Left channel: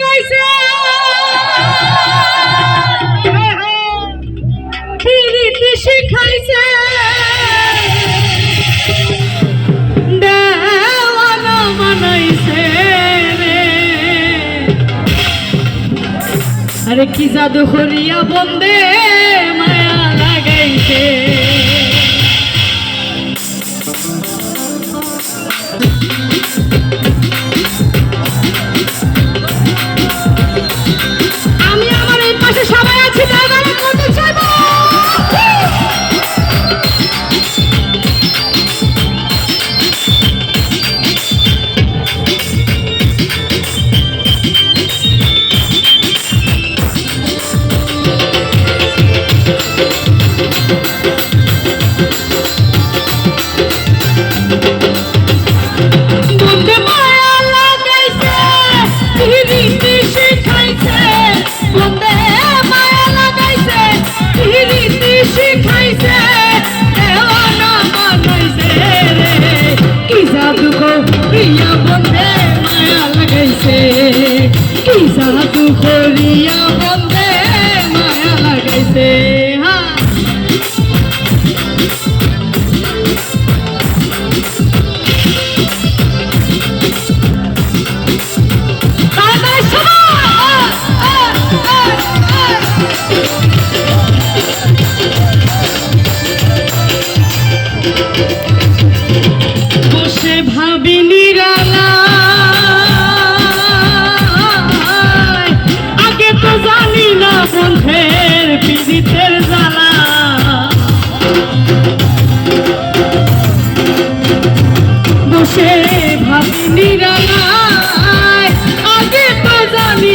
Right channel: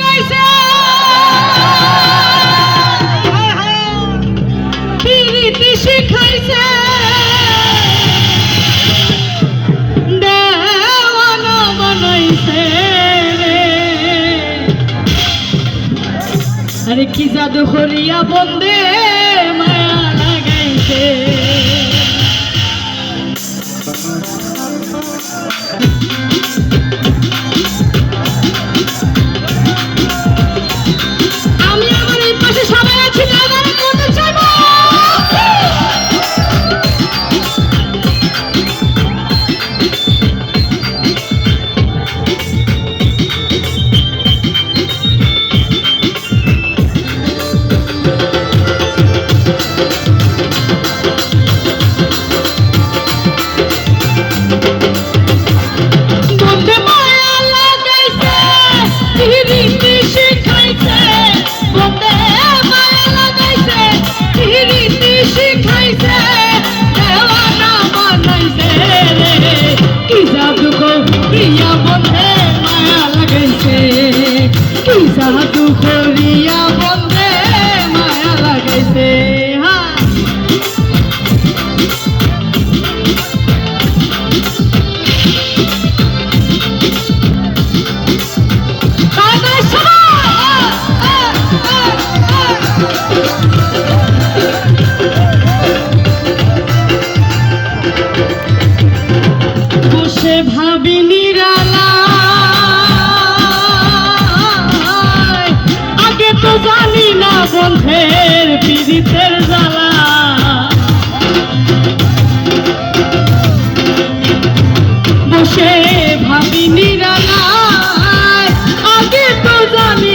পিটাইছে পিরিতি শিখাইছে। দেওয়ানা বানাইছে আরে কি জাদু করিয়া বন্দে তো জানি না বন্ধের পীড়িতের জ্বালা। বসে ভাবিনি রাঙায় আগে তো জানি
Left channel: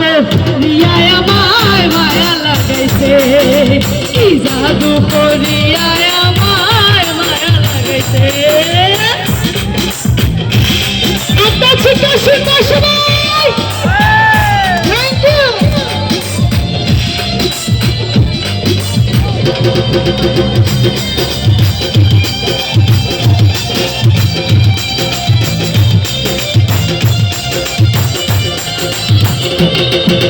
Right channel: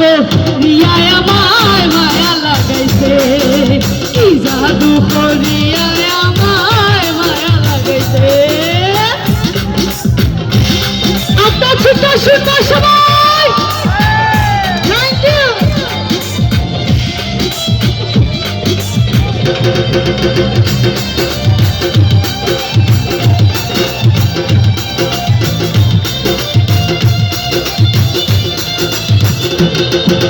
লাগাইছে মিয়ায় আমায় মায়া লাগাইছে। কি জাদু করিয়ায় আমায় মায়া লাগাইছে। আটা ছোট ছোট সবাই Música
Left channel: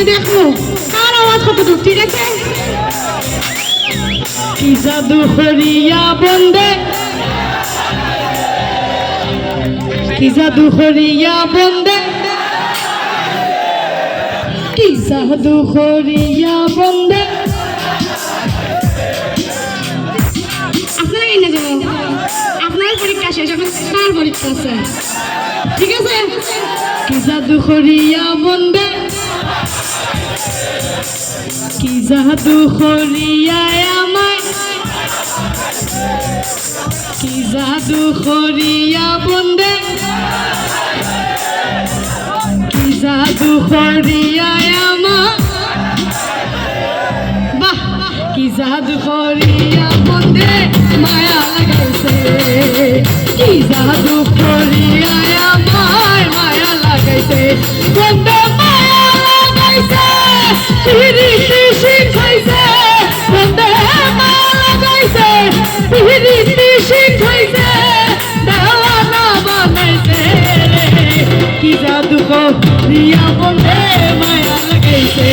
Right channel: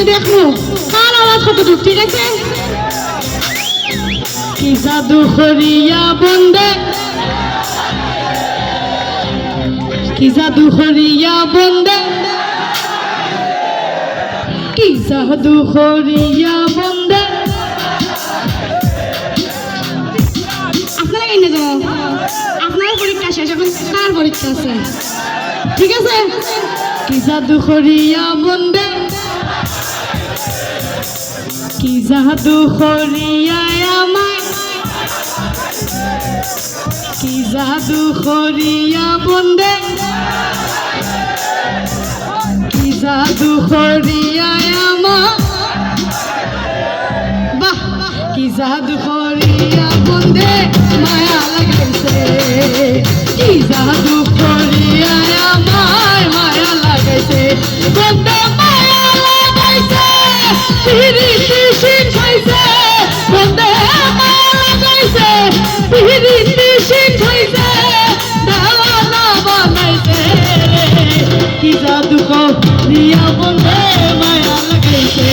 আমি দেখব কার আওয়াজ কতটুকু ঠিক আছে? কি জাদু করিয়া বন্দে? কি জাদু করিয়া বন্দে? কি জাদু করিয়া বন্দে? আপনারা এই না যাও। আপনার পরীক্ষা শেষ এখন তার পরীক্ষা আছে? ঠিক আছে? কি জাদু করিয়া বন্দে? কি জাদু করিয়া আমায়? কি জাদু করিয়া বন্দে? কি জাদু করিয়া কি জাদু করিয়া বন্দে মায়া লাগাইছে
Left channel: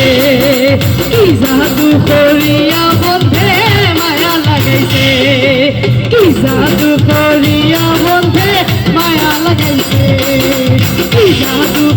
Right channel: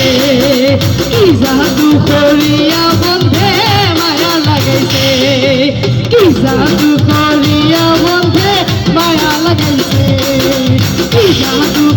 কি জাদু করিয়া বন্ধে মায়া লাগাইছে কি জাদু করিয়া বন্ধে মায়া লাগাইছে কি জাদু করিয়া